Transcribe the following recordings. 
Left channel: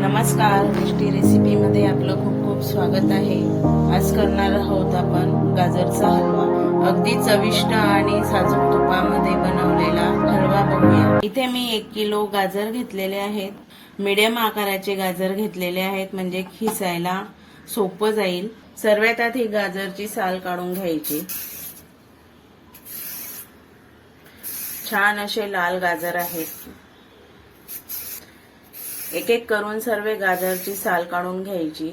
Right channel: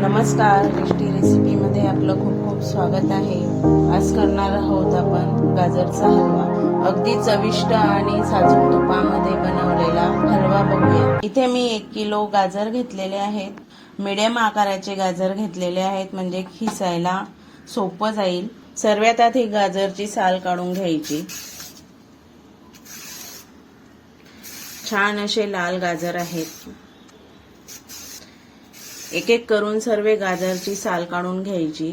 नमस्कार, गोष्टी रेसिपीमध्ये आपलं खूप खूप स्वागत आहे। आज करणार आहोत आपण गाजरचा हलवा। अगदी चविष्ट आणि साजूक तुपामध्ये बनवलेला हलवा बघूया। इथे मी 1 किलो गाजर घेतलेले आहेत। मीडियम आकाराचे गाजर घेतलेले आहेत, म्हणजे खिसायला सोपं जाईल। सर्वात आधी गाजरची साल काढून घ्यायची। छान असे लाल गाजर आहेत। एक एक करून सर्व गाजरची साल काढून घ्यायची।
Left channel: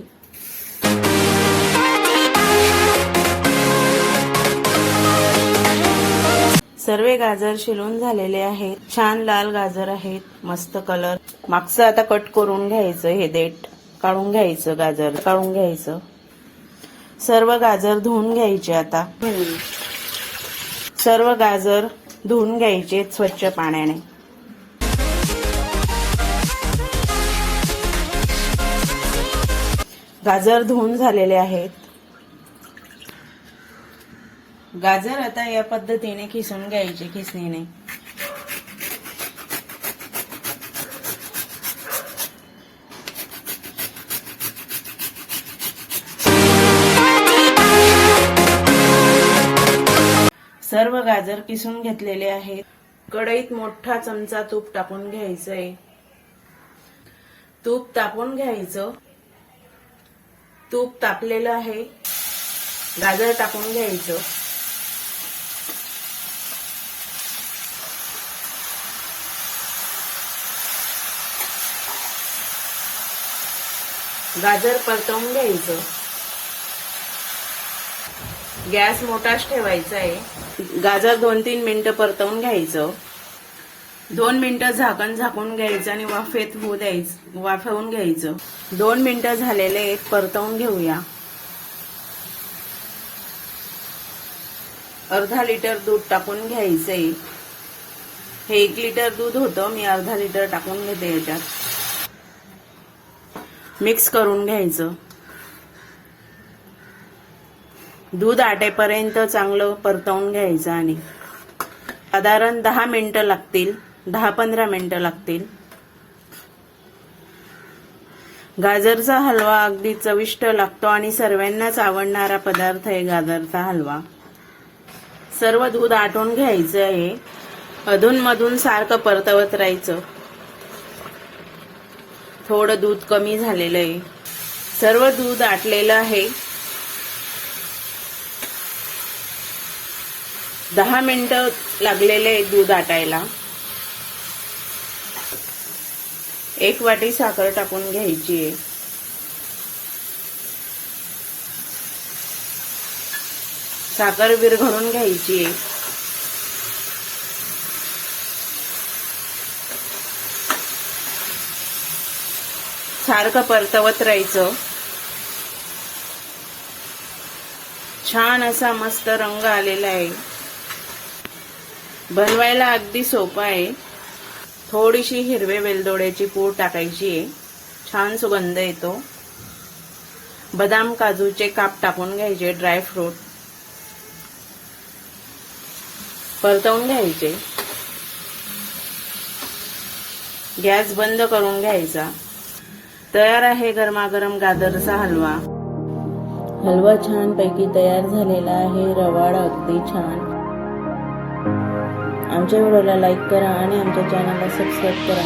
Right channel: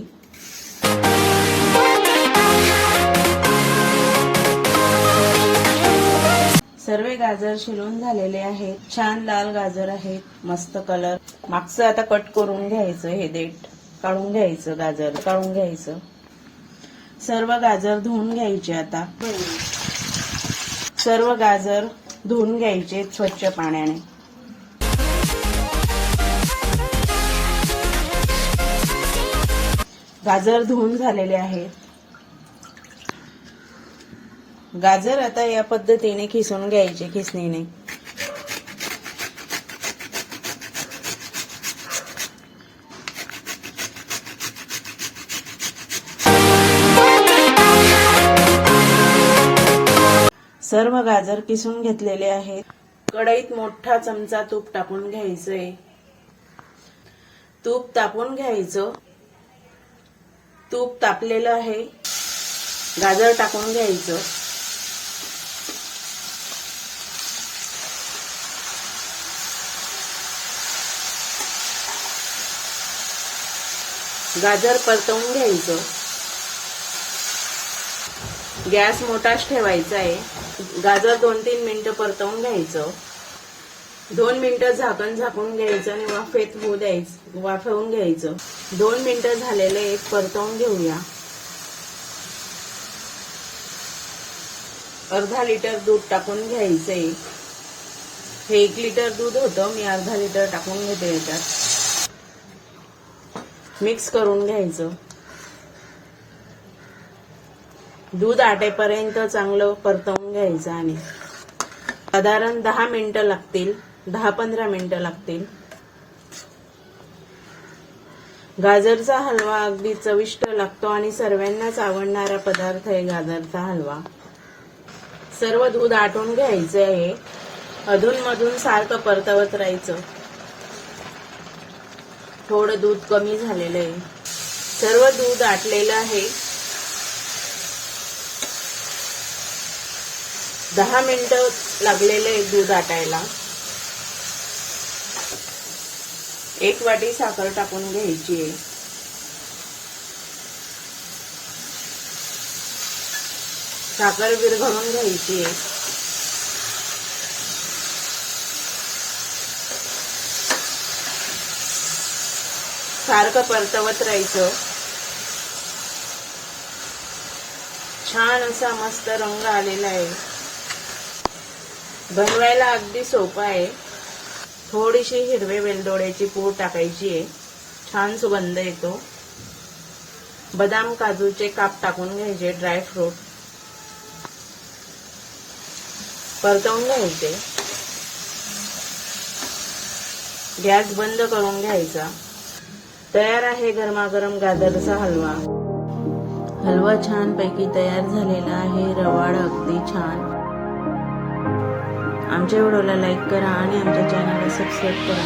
सर्व गाजर शिलून झालेले आहेत। छान लाल गाजर आहेत, मस्त कलर। मागचं आता कट करून घ्यायचं, हे देठ काढून घ्यायचं, गाजर काढून घ्यायचं। सर्व गाजर धुवून घ्यायचे। आता सर्व गाजर धुवून घ्यायचे स्वच्छ पाण्याने। गाजर धुवून झालेले आहेत। गाजर आता या पद्धतीने खिसून घ्यायचे, खिसणीने। सर्व गाजर किसून घेतलेले आहेत। कढईत मोठा चमचा तूप टाकून घ्यायचंय। तूप टाकून घ्यायचं। तूप तापलेलं आहे। गाजर टाकून घ्यायचं। गाजर परतवून घ्यायचं। गॅस मोठाच ठेवायचा आहे। गाजर 2-3 मिनिटं परतवून घ्यायचं। 2 मिनिटं झाकून घ्यायचं आणि वाफेत होऊ द्यायचं, वाफवून घ्यायचं। 2 मिनिटं झालेले, परतवून घेऊया। अर्धा लिटर दूध टाकून घ्यायचंय। हे 1 लिटर दूध होतं, मी अर्धा लिटर टाकून घेते याच्यात। मिक्स करून घ्यायचं। दूध आटेपर्यंत चांगलं परतवून घ्यायचं आणि साधारण 10 मिनिटं लागतील, 10-15 मिनिटं लागतील। गाजरचा हलवा अगदी चविष्ट लागतो आणि सर्वांनाच आवडणारा पदार्थ आहे गाजरचा हलवा। सर्व दूध आटून घ्यायचं आहे। अधूनमधून सारखं परतवत राहायचं। थोडं दूध कमी झालेलं आहे। सर्व दूध आटलेलं आहे। 10 मिनिटं लागलेले दूध आटायला। 1 वाटी साखर टाकून घ्यायची आहे। साखर विरघळून घ्यायची आहे। सारखं परतवत राहायचं। छान असा मस्त रंग आलेला आहे। बनवायला अगदी सोपं आहे। थोडीशी हिरवे वेलदोड्याची पूड टाकायची आहे, छान सुगंध येतो। बदाम काजूचे काप टाकून घ्यायचे, ड्रायफ्रूट परतवून घ्यायचे। गॅस बंद करून घ्यायचा। तयार आहे गरमागरम गाजरचा हलवा। हलवा छान पैकी तयार झालेला आहे, रवाळ अगदी छान। आमच्या व्हिडिओला लाईक करा आणि आमच्या चॅनलला सबस्क्राईब करा।